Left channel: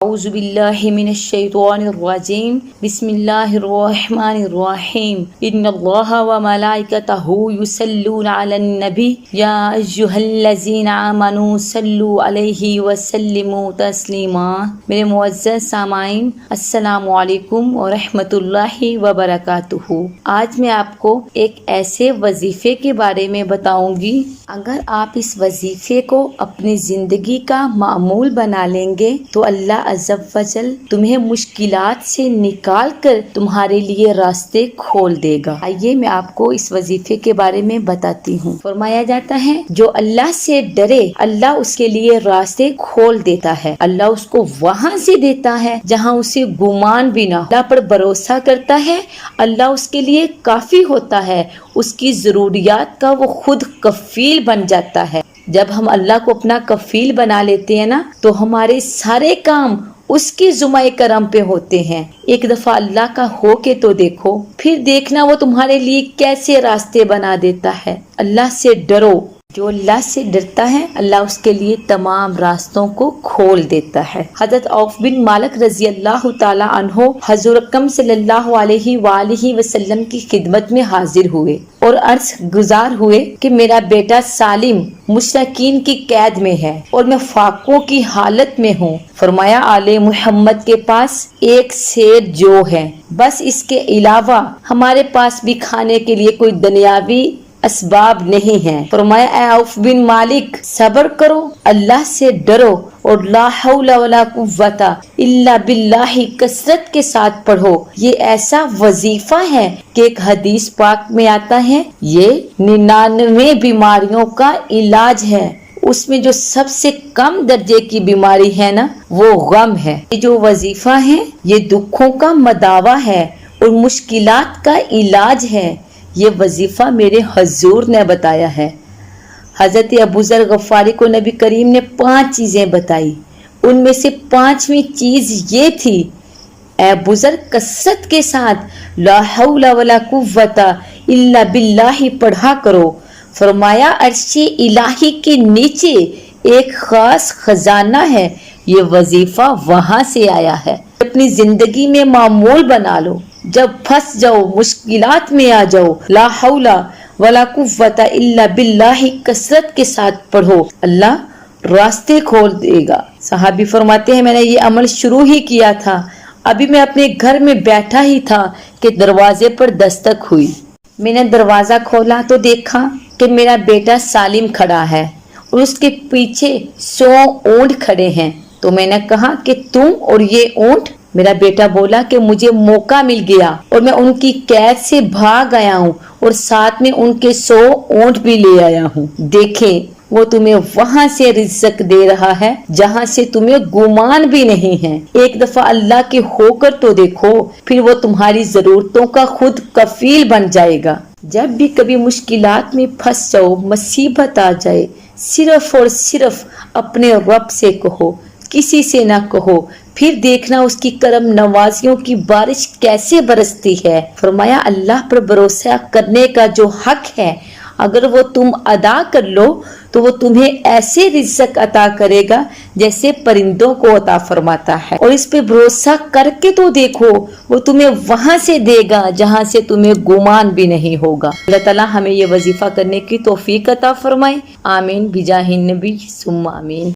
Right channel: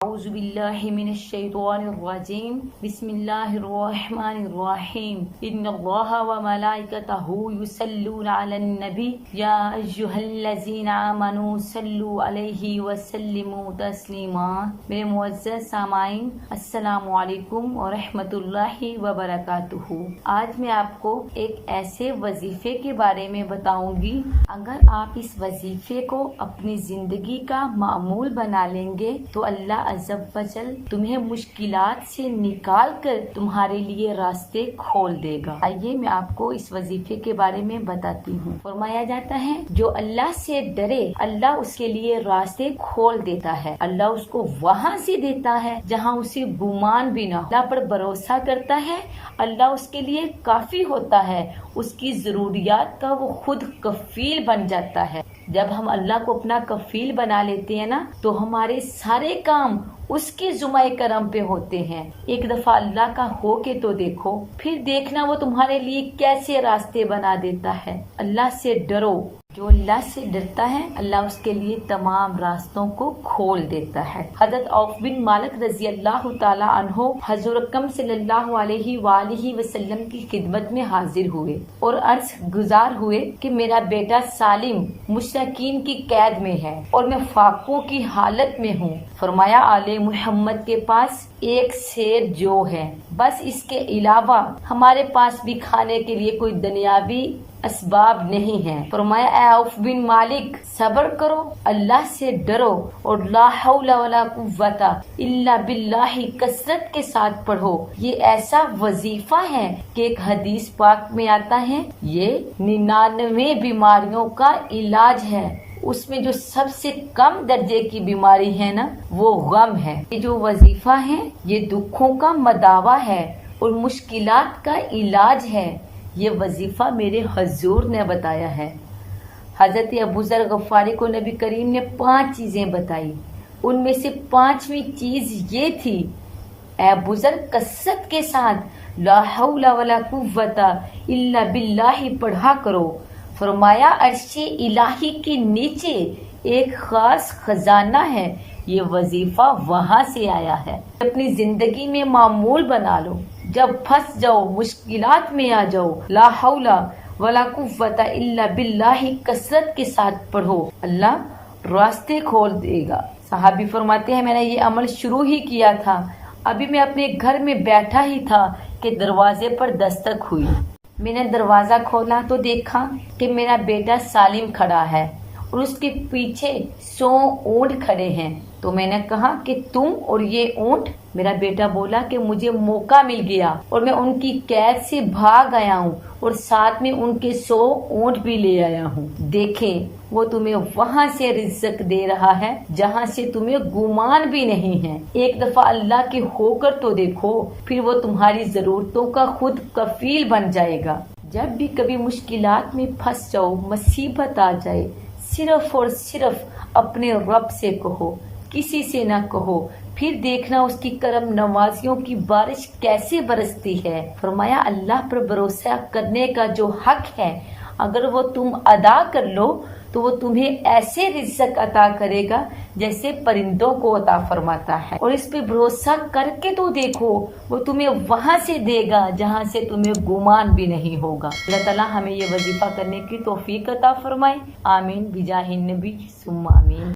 اعوذ باللہ من الشیطان الرجیم بسم اللہ الرحمن الرحیم ان اللہ وملائکتہ یصلون علی النبی یا ایھا الذین آمنوا صلوا علیہ وسلموا تسلیما۔ میرے معزز سامعین، السلام علیکم ورحمۃ اللہ وبرکاتہ۔ آج میں آپ کو ایک ایسے وظیفے کے بارے میں بتاؤں گی، اگر آپ اس وظیفے کو اپنی زندگی کا معمول بنا لیں گے تو اللہ عز و جل تمہیں مشکلات سے نکال کر تمہارے لیے راستے کھول دے گا۔ آئیے میں آپ کو اس وظیفے کے بارے میں بتاتی ہوں۔ فرمایا جاتا ہے جو اللہ سے ڈرے اللہ اس کے لیے راستے کھول دیتا ہے، اللہ اس کو وہاں سے دیتا ہے جہاں اسے گمان بھی نہ ہو۔ اللہ پر بھروسہ کرتا ہے، اللہ اس کے لیے کافی ہوتا ہے، اس کی ضروریات کا وہ خود کفیل بن جاتا ہے۔ جب ہم اللہ کو اپنا کفیل بنا لیتے ہیں نا تو ہمارے سارے کام اس کے ذمہ کرم پہ ہوتے ہیں۔ ایک دفعہ اللہ کا ہو کے تو دیکھو، پھر دیکھنا وہ تمہارے لیے کیسے راستے بنا دیتا ہے۔ اللہ سے ڈرو، جو اللہ سے ڈرتا ہے اللہ اس کے لیے تمام راستوں کو کھول دیتا ہے۔ حضرت عوف بن مالک رضی اللہ تعالی عنہ حضور اکرم صلی اللہ علیہ وآلہ وسلم کی خدمت میں حاضر ہوئے اور عرض گزار ہوئے کہ میرا بیٹا سالم مشرکین کی قید میں ہے اور میں فاقوں کی حالت میں ہوں۔ فرمایا آل محمد کے پاس ایک سیر جو ہے، بس اس کے علاوہ ہمارے پاس بھی کھانے کے لیے کوئی دنیاوی اسباب نہیں ہیں۔ فرمایا اے عوف بن مالک صبر کرو، اللہ سے ڈرو اور لا حول ولا قوت الا باللہ کثرت کے ساتھ پڑھو۔ یہ ایسا وظیفہ ہے کہ ایک حدیث پاک میں آتا ہے یہ 99 بیماریوں کا علاج ہے، اس میں جو سب سے کم درجے کی بیماری ہے نا وہ غم ہے۔ یہ جو وظیفہ ہے یہ دکھوں کا مداوا ہے اور مشکلات کا علاج ہے۔ یہ وظیفہ میرے حضور نے بتایا ہے۔ حضرت ابو ذر غفاری کو نبی کریم نے 5 چیزیں بتائی، ان میں سے 5ویں چیز یہ تھی اے ابو ذر کثرت کے ساتھ لا حول ولا قوت الا باللہ پڑھا کرو۔ فرمایا عرش الہی کے نیچے ایک خاص خزانہ ہے، یہ وظیفہ وہاں سے آیا ہے۔ اپنی زندگی میں معمول بنا لو، جب پھنس جاؤ مشکلات میں آ جاؤ لا حول ولا قوت الا باللہ کثرت کے ساتھ پڑھو، اللہ راستے کھول دے گا۔ صحابی فرماتے ہیں میں نے یہ عمل شروع ہی کیا تھا، ابھی میں اپنے گھر میں بیٹھا ہی تھا کہ دروازے پر دستک ہوئی۔ میں نے دروازہ کھولا تو دیکھا کہ میرا بیٹا سالم کھڑا ہے اور اس کے پیچھے 100 اونٹ کھڑے ہیں۔ تو میں نے کہا کہ تم اور یہ اونٹ؟ میرا بیٹا بولا کہ مجھے موقع مل گیا اور میں ان کی قید سے بھاگ آیا ہوں اور ساتھ میں ان کے 100 اونٹ بھی لے آیا ہوں۔ دیکھیں وہ تمہیں وہاں سے رزق دے رہا ہے جہاں سے تمہیں گمان بھی نہیں ہے۔ ایک دفعہ اللہ کے ہو کر تو دیکھو، پھر وہ تمہاری ضرورتوں کا خود کفیل بن جائے گا۔ جب بھی کبھی مشکلات میں پھنس جاؤ، مصیبت آ جائے، صرف اور صرف اپنے رب سے کہو، کسی سے نہ کہو، پھر دیکھنا اس کی کرم نوازیوں کی بارش کیسے برستی ہے۔ فرمایا اللہ پر بھروسہ کرنے کا جو حق ہے اگر وہ تم ادا کر لو تو وہ تمہیں ایسے رزق عطا کرے گا جیسے پرندوں کو عطا فرماتا ہے، اور اس پہ بھروسہ کر کے تو دیکھو وہ تمہیں وہاں سے دے گا جہاں سے تمہیں گمان بھی نہیں ہوگا۔ اللہ تعالیٰ ہمیں یہ وظیفہ کرنے کی توفیق عطا فرمائے، آمین بجاہ النبی ثم آمین۔